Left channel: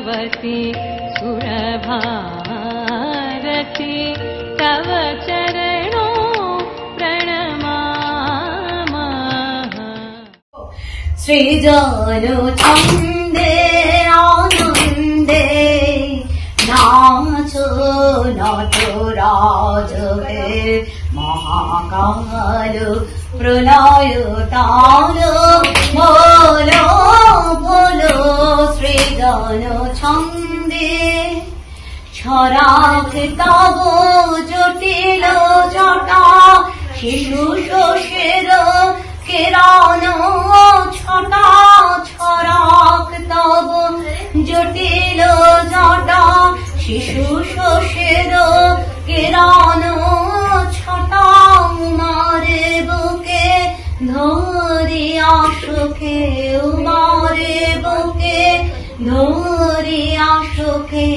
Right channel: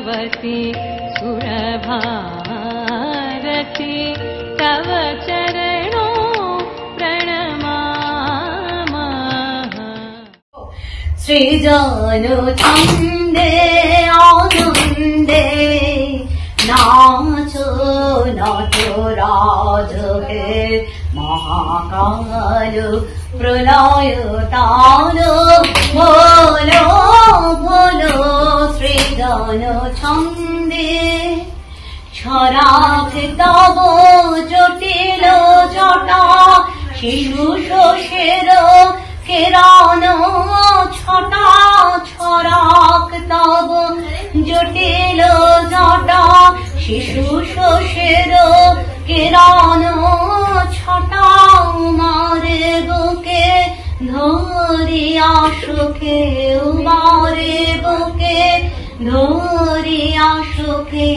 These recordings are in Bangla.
भगवती सुरभारती तव चरणों प्रणमामः। सृजन छन्दे आनन्दे नाचो नटराजे महाकाल प्रलय ताल बोलो बोलो सृजन छन्दे छराक तव जटिल जटा शिशु शोषेर किरण छटा छराक तव जटिल जटा शिशु शोषेर किरण छटा उमारे बुके धरिया सुखे उमारे बुके धरिया सुखे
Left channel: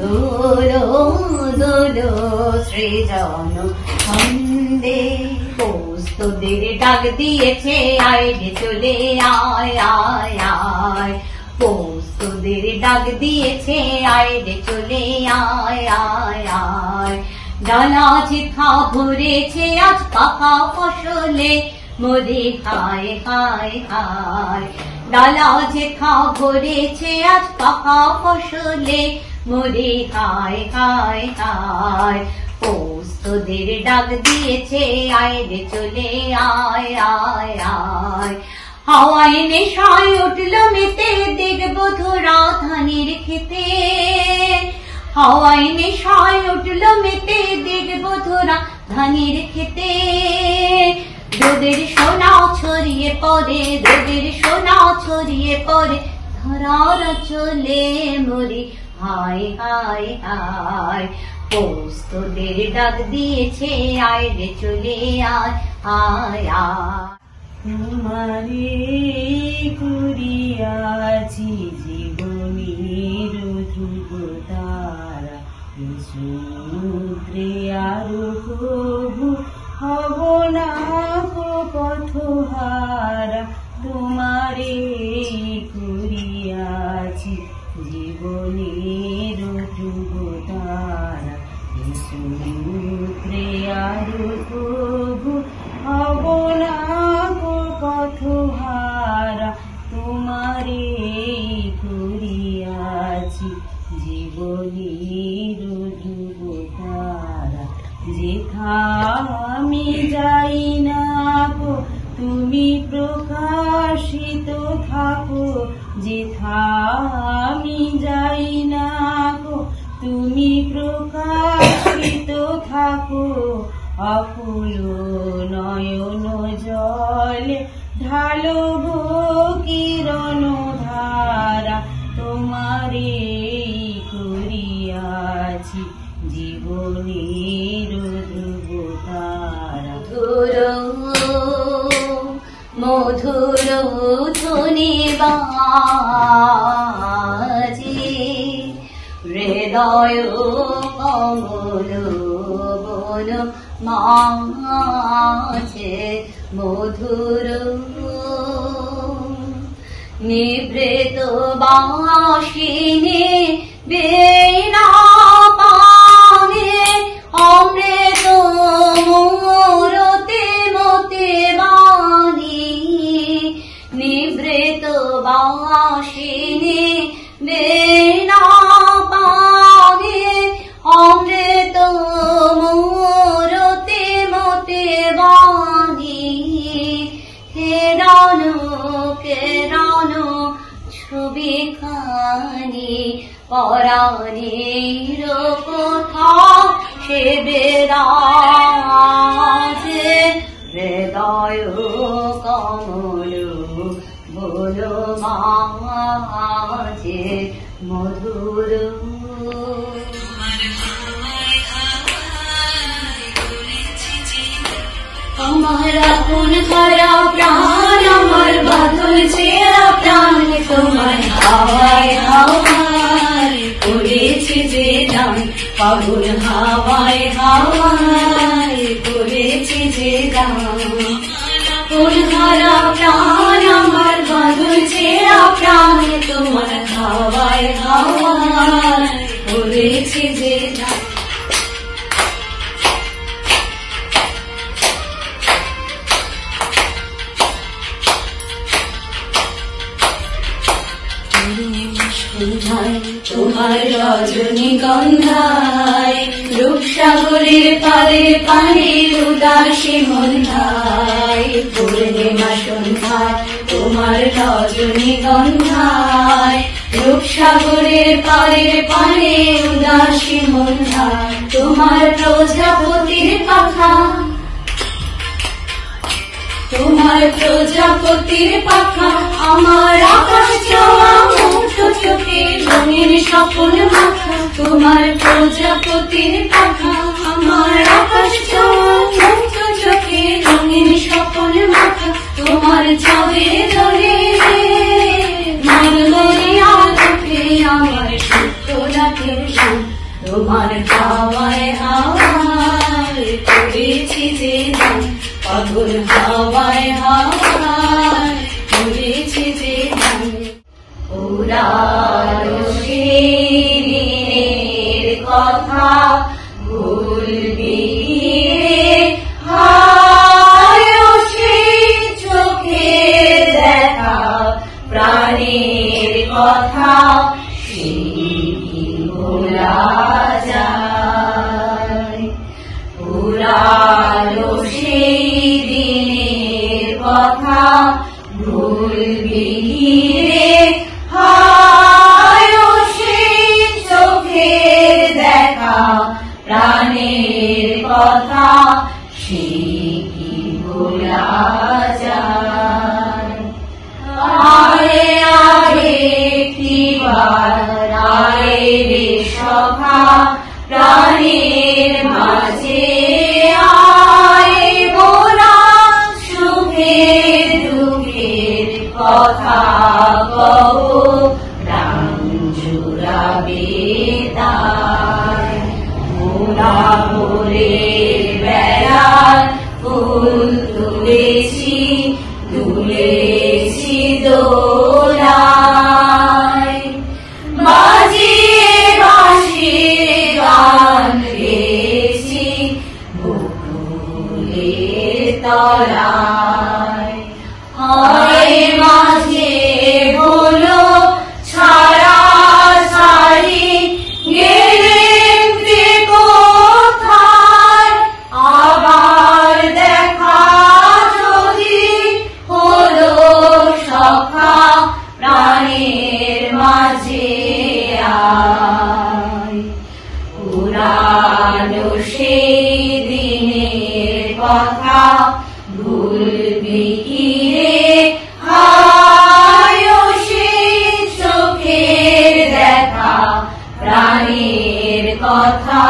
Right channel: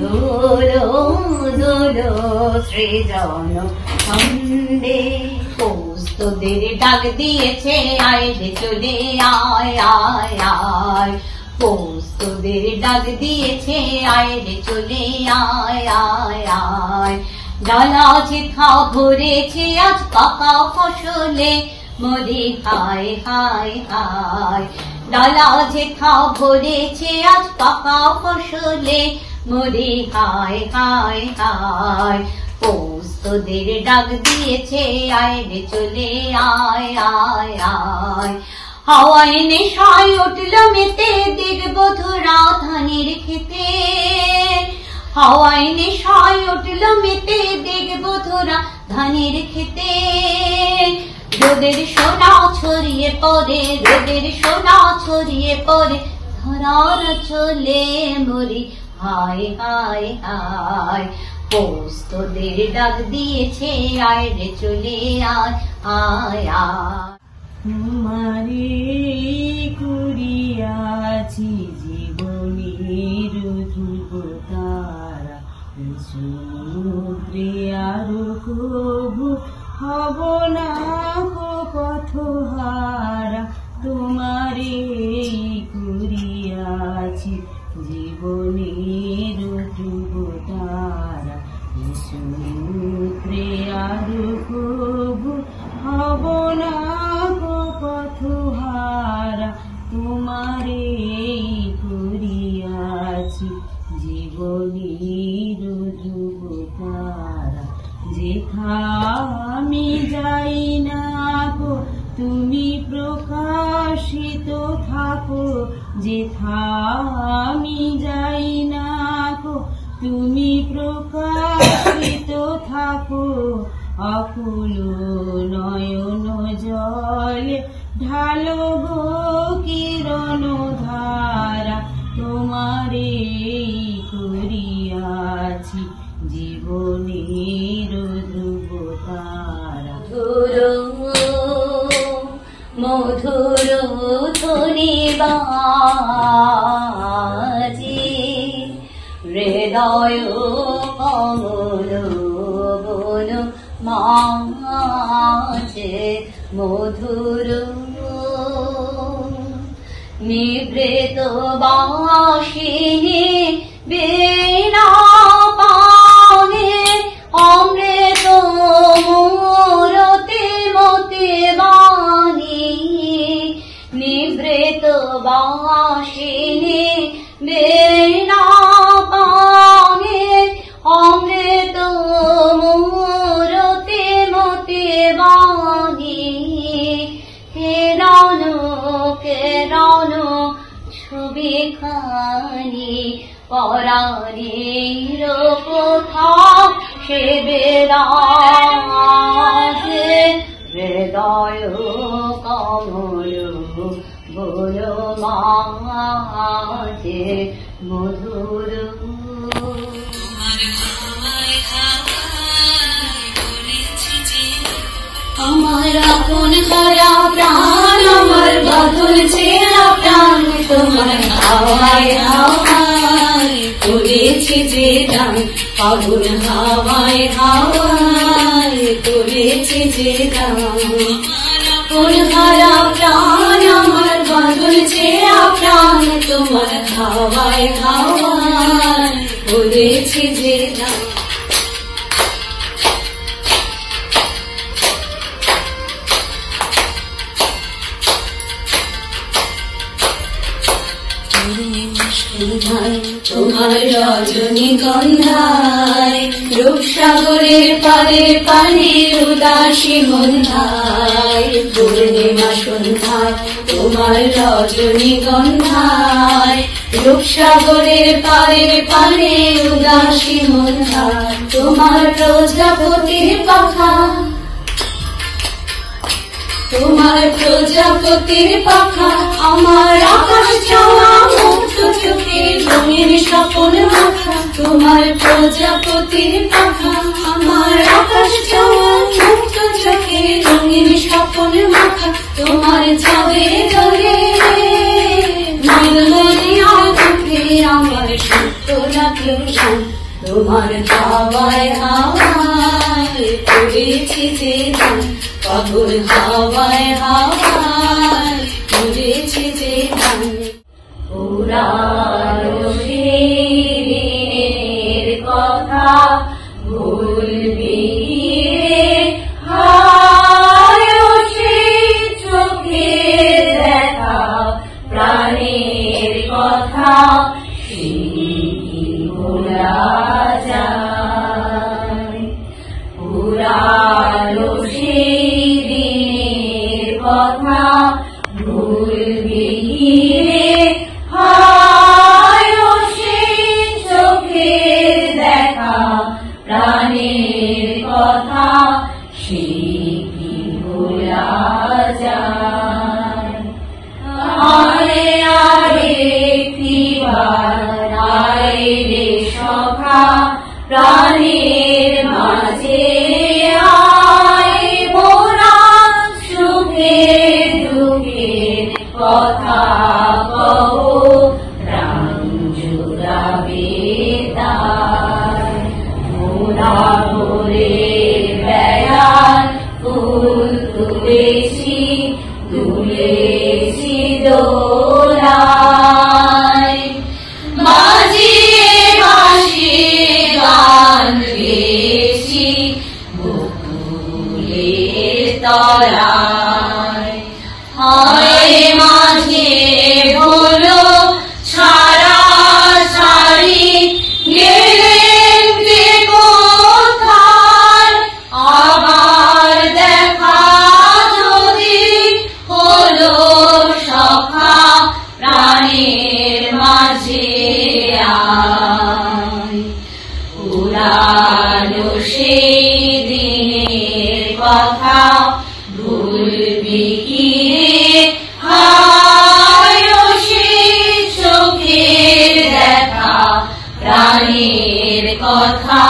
दोलो दोलो सृजन छन्दे। তোদের ডাক দিয়েছে আয় রে চলে আয় আয় আয়, তোদের ডাক দিয়েছে আয় রে চলে আয় আয় আয়। ডালা যেথা ভরেছে আজ পাকা ফসলে মোরে হায় হায় হায়। ডালা যেথা ভরেছে আজ পাকা ফসলে মোরে হায় হায় হায়। তোদের ডাক দিয়েছে আয় রে চলে আয় আয় আয়। হাওয়ায় নেশায় উঠল মেতে দেখবো ধরা ধানের খেতে, হাওয়ায় নেশায় উঠল মেতে দেখবো ধরা ধানের খেতে। রোদের সোনা ছড়িয়ে পড়ে, রোদের সোনা ছড়িয়ে পড়ে ধরার চলে মরি হায় হায় হায়। তোদের ডাক দিয়েছে আয় রে চলে আয় আয় আয়। তোমারে করিয়াছি জীবনের ধ্রুবতারা, সমুদ্রে আরো প্রভু হব না পথহারা। তোমারে করিয়াছি জীবনের ধ্রুবতারা, সমুদ্রে আরো প্রভু হব না পথহারা। তোমারে করিয়াছি জীবনের ধ্রুবতারা। যেথা আমি যাই না গো তুমি প্রকাশিত থাকো, যেথা আমি যাই না গো তুমি প্রকাশিত থাকো। অকুল নয়ন জলে ঢালো গো কিরণ ধারা, তোমারে করিয়াছি জীবনের ধ্রুবতারা। মধুর ধ্বনি বাজে হৃদয় কমল বল মাঝে, মধুর নিবৃত বাসিনী বীণা পানে অমৃত মূরতি মতে বাণী। নিবৃত বাসিনী বীণা পানে অমৃত মূরতি মতে বাণী। কেরণ কেরণ ছবি খানি পরাণের কোথা সে বেরাজে, হৃদয় কমল বল মাঝে মধুর। আমার আপন হারা প্রাণ আমার বাঁধন ছেঁড়া প্রাণ তোমার হাওয়ায় হাওয়ায় করেছে যে দান, আগুন হাওয়ায় হাওয়ায় করেছে যে দান। তোর হারা প্রাণ আমার বাঁধন ছেঁড়া প্রাণ তোমার তোমার হাওয়ায় হাওয়ায় করেছি যে দান। তোমার রজনীগন্ধায় রূপসাগরের তরের পানির উদাসী মন্ধায় পূর্ণিমা সন্ধ্যায় তোমার রজনীগন্ধায় রূপসাগরের তরের পানির উদাসী মন্ধায় তোমার প্রজাপতির পাখা তোমার প্রজাপতির পাখা আমার আকাশ ছোঁয়া মুক্ত চোখে রঙিন স্বপ্ন মাখা তোমার প্রজাপতির পাখা আমার আকাশ ছোঁয়া মুক্ত চোখে রঙিন স্বপ্ন মাখা তোমার চাঁদের দরে মলমলিয়া রূপে আমার সুপ্ত রাখলো শান। তোমার হাওয়ায় হাওয়ায় করেছি যে দান, পাগল হাওয়ায় হাওয়ায় করেছি যে দান। পুরানো দিনের কথা ভুলবি রে হায় সেই চোখে দেখা প্রাণের কথা ভোলা যায়। পুরানো সেই দিনের কথা ভুলবি রে হায় সেই চোখে দেখা প্রাণের কথা সে কি ভোলা যায়। আরে আরে একটিবার আরে রে সখা প্রাণের মাঝে আয় মোরা সুখে দুঃখের কথা কও প্রাণ জুড়াবে তাই। মোরা ভোরের বেলার ফুল তুলেছি দুলেছি দোলায় বাজিয়ে বাঁশি গান গেয়েছি বকুলের তলায়। হয় মাঝে হলো ছাড়া ছাড়ি গেলেন কে কোথায় আবার দেখা যদি হলো সখা প্রাণের মাঝে আয়। পুরানো সেই দিনের কথা ভুলবি কি রে হায় সেই চোখের দেখা প্রাণের কথা